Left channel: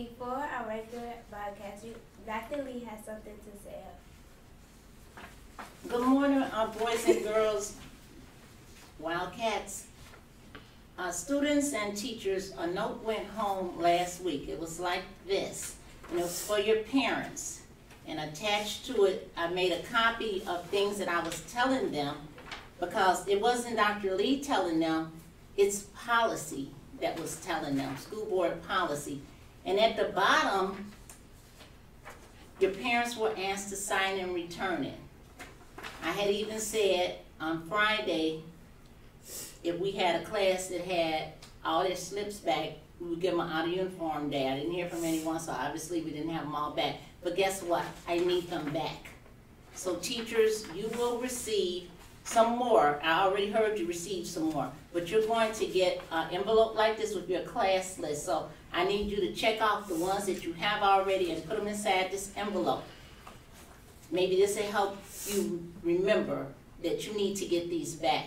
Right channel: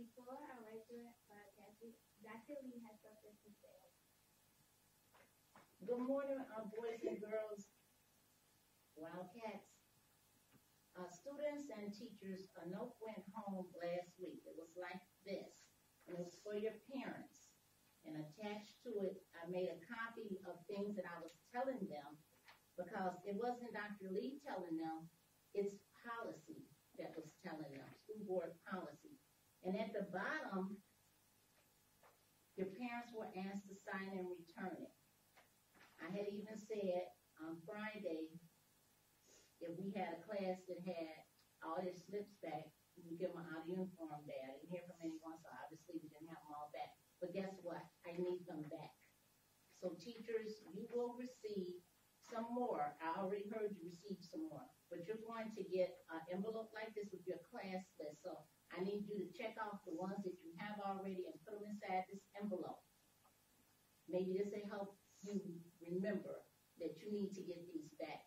Before our regular broadcast, Dr. Lee has something to say. Good morning, boys and girls, Wildcats. Students and teachers, a note went home last week. It was like this, and it was for your parents. And attached to it, I made a copy of things that I was telling them, because it wasn't Dr. Lee telling them, it's policy that was telling them, school board policy. And at the bottom, your parents were asked to sign and return it. I had even said on Friday, if we had a class that had all their slips back, we would give them an out of uniform day. I didn't hear from anyone, so obviously we didn't have them all back. But guess what? I need them back. So teachers, you will receive some more. I already heard you receive some more. But you're going to get an envelope like this with your class list. So I need you to check off the ones that you have already and put them inside this envelope. Maybe this will help you remember that you need to get these back.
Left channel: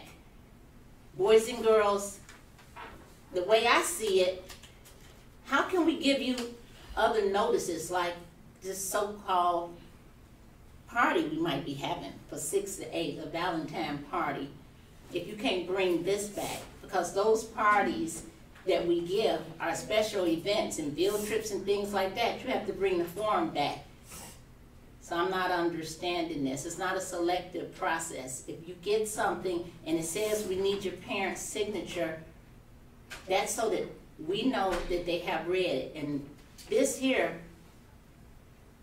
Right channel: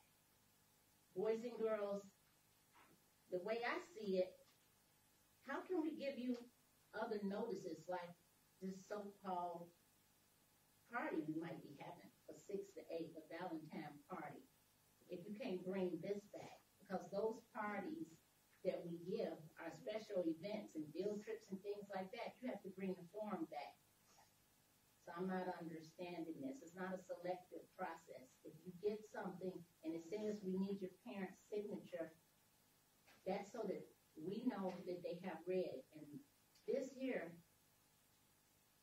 Boys and girls, the way I see it, how can we give you other notices like this so-called party we might be having for 6 to 8, a Valentine party, if you can't bring this back? Because those parties that we give are special events and field trips and things like that. You have to bring the form back. So I'm not understanding this. It's not a selective process. If you get something and it says we need your parent's signature, that's so that we know that they have read it. And this here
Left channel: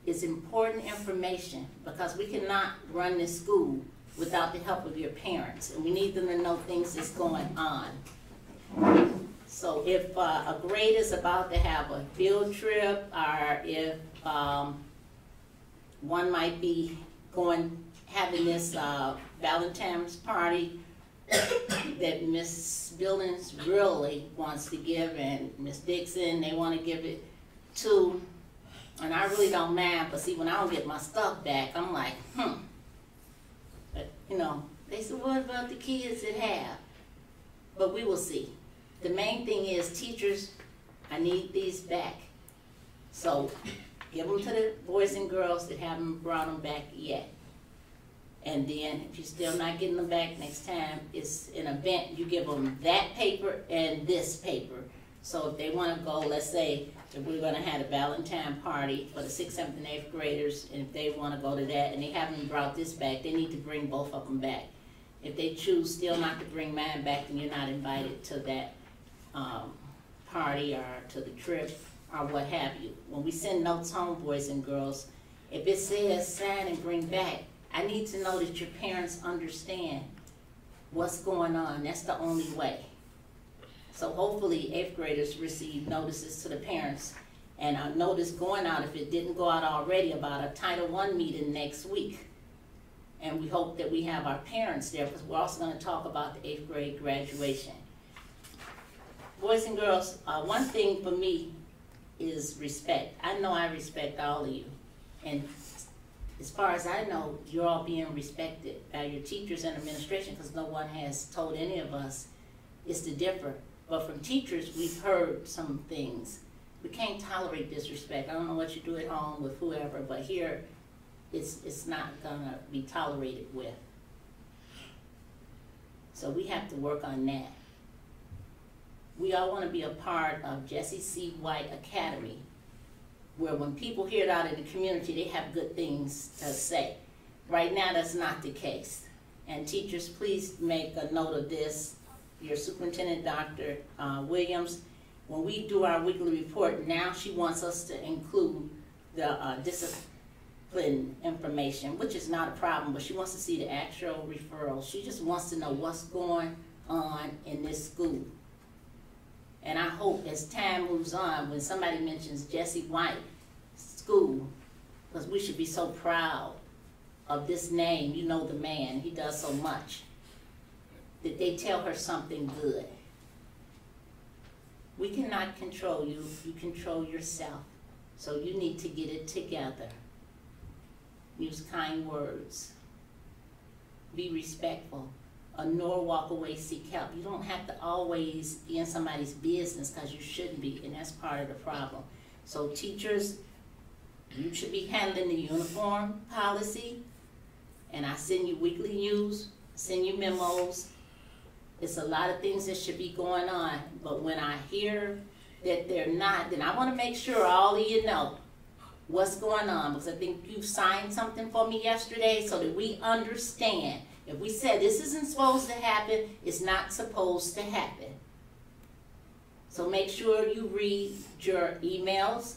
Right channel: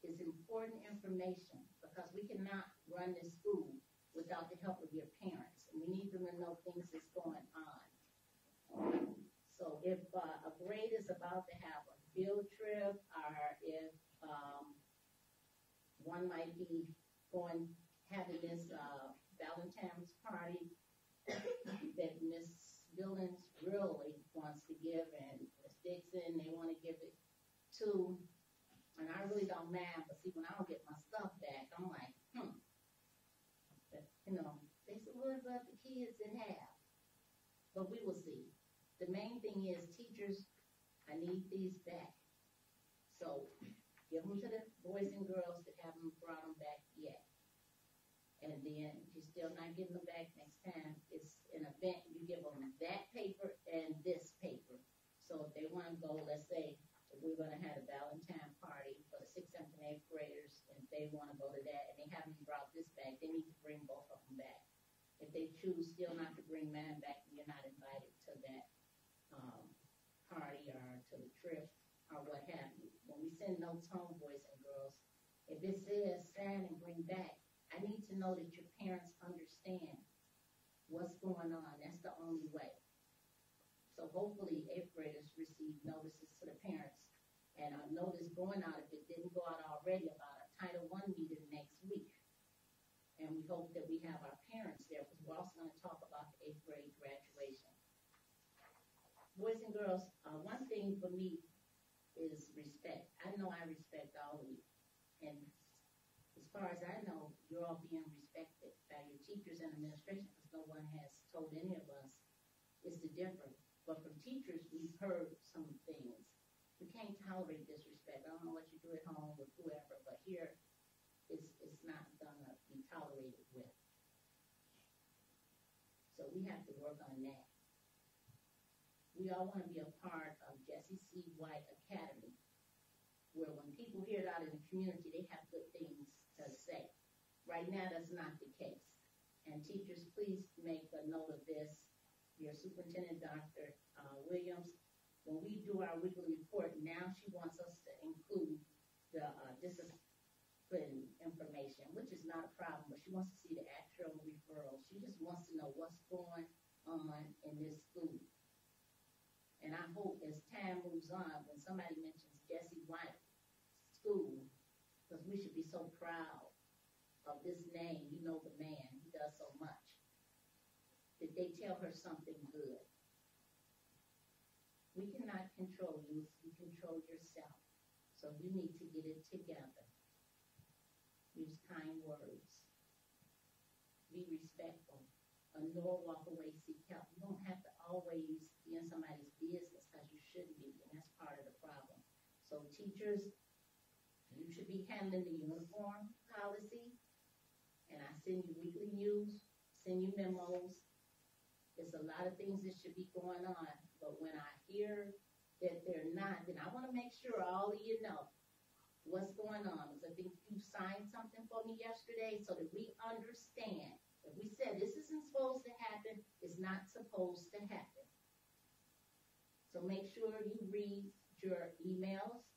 is important information, because we cannot run this school without the help of your parents. And we need them to know things that's going on. So if a grade is about to have a field trip, or if one might be having this Valentine's party that Miss Billings really wants to give, and Miss Dixon, they want to give it to, and I really don't mind, but see, when I don't get my stuff back, I'm like, But, you know, they said, what about the kids that have? But we will see. The main thing is, teachers, I need these back. So give them to the boys and girls that haven't brought them back yet. And then if you're still not getting them back next time, it's an event, you give them that paper and this paper. So if they want to go, let's say if we're going to have a Valentine party for the 6th, 7th, and 8th graders, and if they want to go to that and they haven't brought this back, they need to bring both of them back. If they choose still not to bring mine back, then you're not invited to that party or to the trip or what have you. When we send notes home, boys and girls, if it says sign and bring back, I need to know that your parents understand what's going on. That's the only way. So hopefully 8th graders receive notices to the parents, and a notice going out, if it didn't go out already, about a Title I meeting next week. And we hope that we have our parents there, because we're also going to talk about the 8th grade graduation. Boys and girls, one thing for me is respect. I know I respect all of you. And as far as I know, you're all being respected by your teachers and administration, because no one has told any of us it's to differ. But from teachers, we've heard some things. We can't tolerate disrespect. I don't know what you do at home with whoever, but here, it's not gonna be tolerated with. So we have to work on that. We all want to be a part of Jesse C. White Academy, where when people hear it out in the community, they have good things to say. Right now, that's not the case. And teachers, please make a note of this. Your superintendent, Dr. Williams, when we do our weekly report, now she wants us to include the discipline information, which is not a problem, but she wants to see the actual referrals. She just wants to know what's going on in this school. And I hope as time moves on, when somebody mentions Jesse White School, because we should be so proud of this name, you know the man, he does so much, that they tell her something good. We cannot control you, you control yourself. So you need to get it together. Use kind words. Be respectful. Nor walk away, seek help. You don't have to always be in somebody's business, because you shouldn't be, and that's part of the problem. So teachers, you should be handling the uniform policy, and I send you weekly news, send you memos. It's a lot of things that should be going on, but when I hear that they're not, then I wanna make sure all of you know what's going on, because I think you signed something for me yesterday so that we understand. If we said this isn't supposed to happen, it's not supposed to happen. So make sure you read your emails.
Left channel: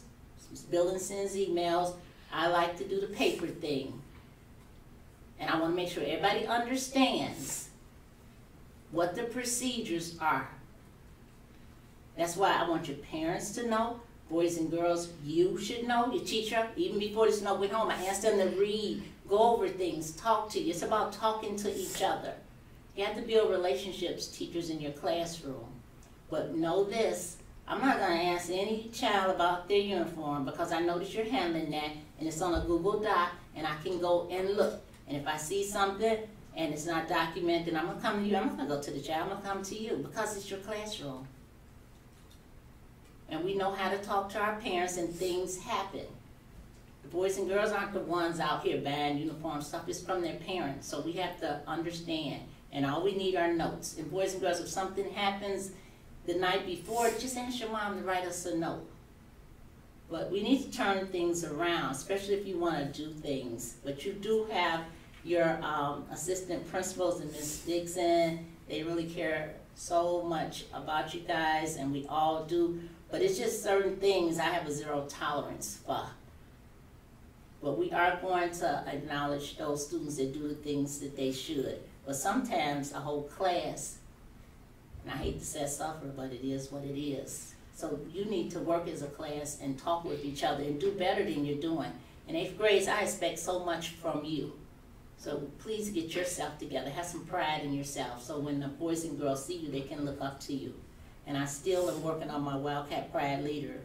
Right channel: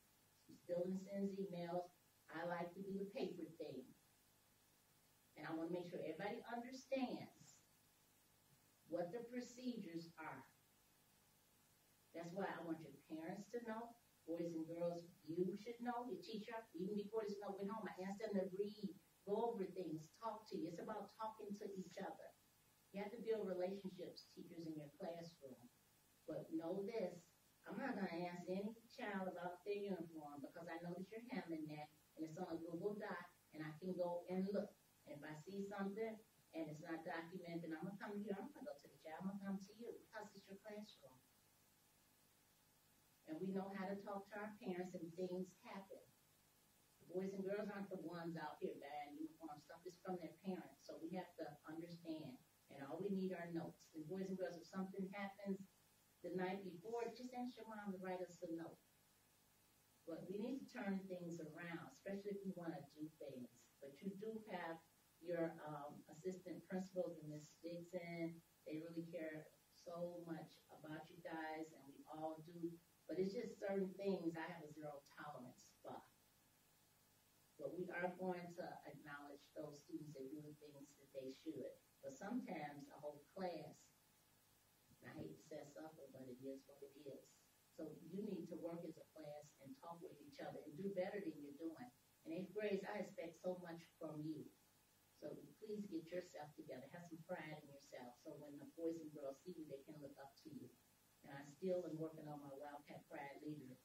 Building sends emails. I like to do the paper thing. And I wanna make sure everybody understands what the procedures are. That's why I want your parents to know, boys and girls, you should know, your teacher, even before this snow went home, I asked them to read, go over things, talk to you. It's about talking to each other. You have to build relationships, teachers, in your classroom. But know this, I'm not gonna ask any child about their uniform because I know that you're handling that and it's on a Google Doc and I can go and look. And if I see something and it's not documented, I'm gonna come to you. I'm not gonna go to the child, I'm gonna come to you because it's your classroom. And we know how to talk to our parents and things happen. The boys and girls aren't the ones out here buying uniform stuff, it's from their parents. So we have to understand. And all we need are notes. And boys and girls, if something happens the night before, just ask your mom to write us a note. But we need to turn things around, especially if you want to do things. But you do have your assistant principals and Ms. Dixon. They really care so much about you guys, and we all do. But it's just certain things I have a zero tolerance for. But we are going to acknowledge those students that do the things that they should. But sometimes a whole class, and I hate to say suffer, but it is what it is. So you need to work as a class and talk with each other and do better than you're doing. In 8th grade, I expect so much from you. So please get yourself together. Have some pride in yourself. So when the boys and girls see you, they can look up to you. And I still am working on my Wildcat Pride leader.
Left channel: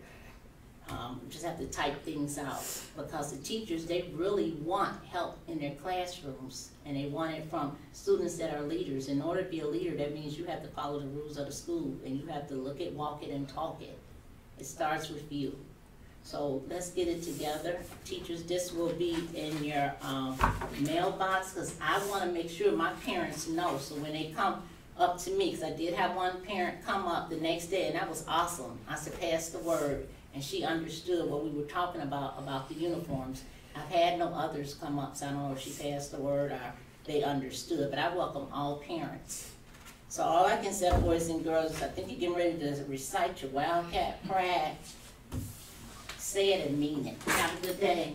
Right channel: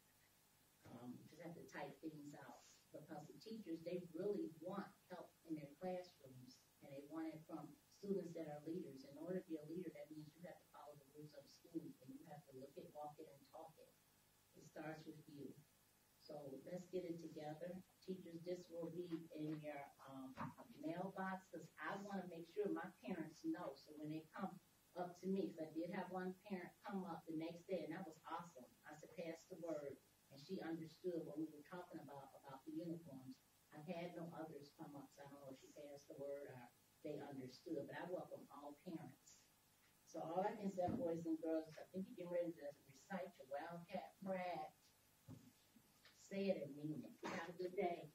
Just have to type things out because the teachers, they really want help in their classrooms and they want it from students that are leaders. In order to be a leader, that means you have to follow the rules of the school and you have to look it, walk it, and talk it. It starts with you. So let's get it together. Teachers, this will be in your mailbox because I want to make sure my parents know. So when they come up to me, because I did have one parent come up the next day and that was awesome. I said, pass the word. And she understood what we were talking about the uniforms. I've had no others come up, so I don't know if she passed the word or they understood, but I welcome all parents. So all I can say, boys and girls, I think you're getting ready to recite your Wildcat Pride. Say it and mean it. Have a good day.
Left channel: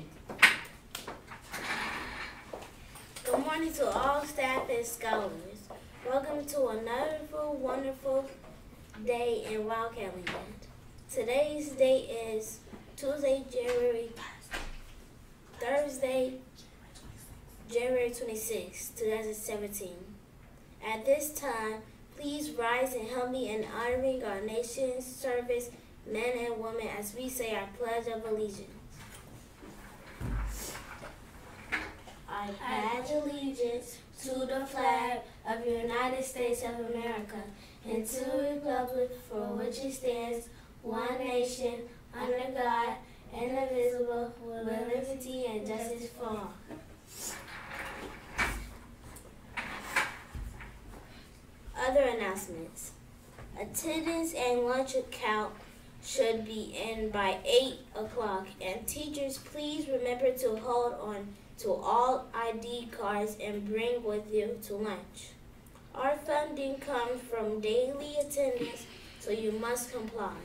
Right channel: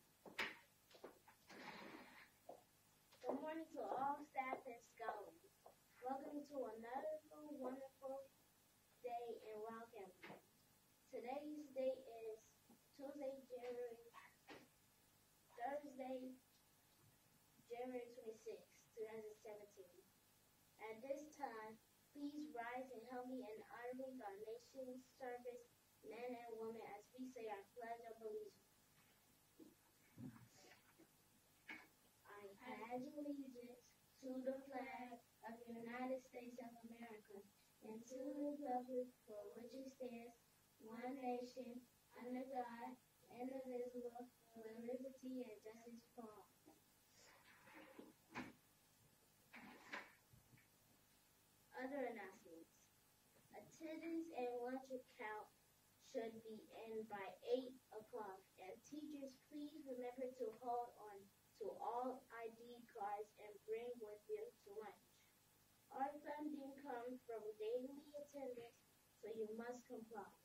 Good morning to all staff and scholars. Welcome to another wonderful day in Wildcat Land. Today's date is Thursday, January 26, 2017. At this time, please rise and help me in honoring our nation's service men and women as we say our Pledge of Allegiance. I pledge allegiance to the flag of the United States of America and to the republic for which it stands, one nation, under God, indivisible, with liberty and justice for all. Other announcements. Attendance and lunch count should be in by 8 o'clock, and teachers, please remember to hold on to all ID cards and bring with you to lunch. Our funding comes from daily attendance, so you must comply.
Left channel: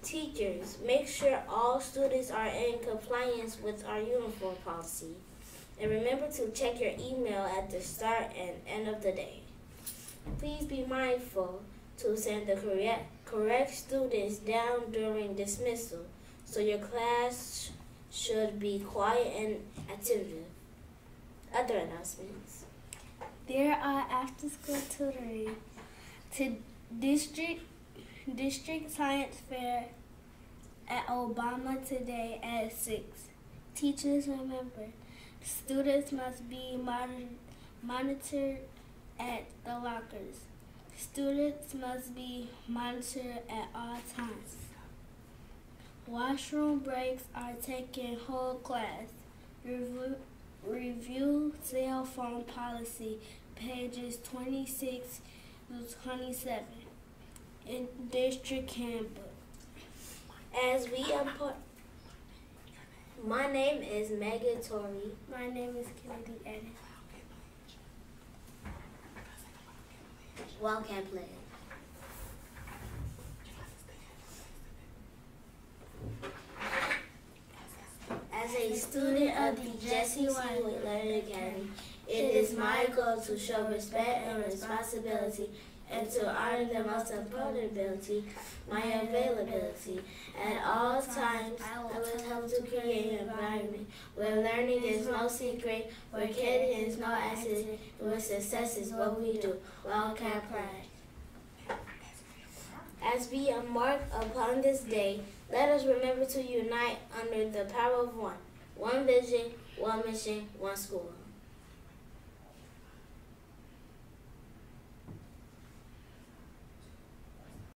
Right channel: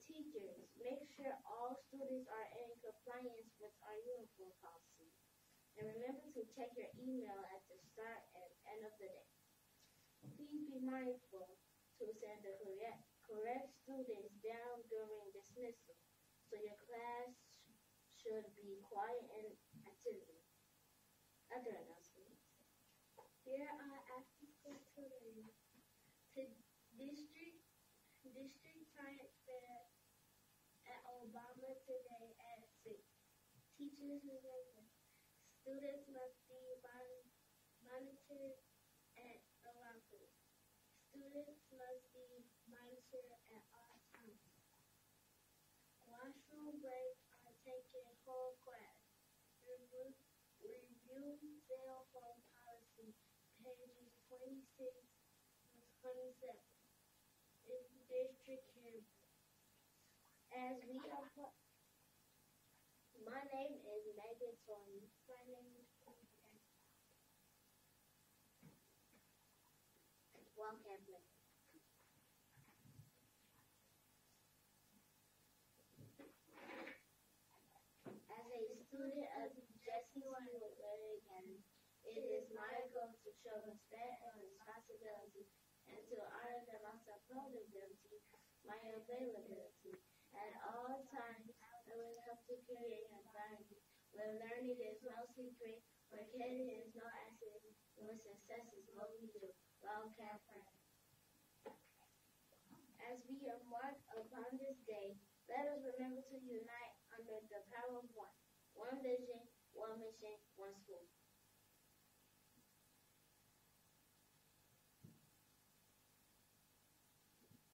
Teachers, make sure all students are in compliance with our uniform policy. And remember to check your email at the start and end of the day. Please be mindful to send the correct students down during dismissal, so your class should be quiet and attentive. Other announcements. There are after-school tutoring to District Science Fair at Obama today at 6. Teachers, remember, students must be monitored at the lockers. Students must be monitored at all times. While Washroom breaks are taking whole class. Review cell phone policy, pages 26 to 27 in district handbook. As we import, my name is Megan Torrey. My name is Kennedy Eddy. Wildcat Play. As a student of the Jesse Learning Academy, it is my goal to show respect and responsibility and to honor the most important ability, my availability. At all times, I will help to create an environment where learning is no secret, where kidding is no accident, where success is what we do. Wildcat Pride. As we embark upon this day, let us remember to unite under the power of one. One vision, one mission, one school.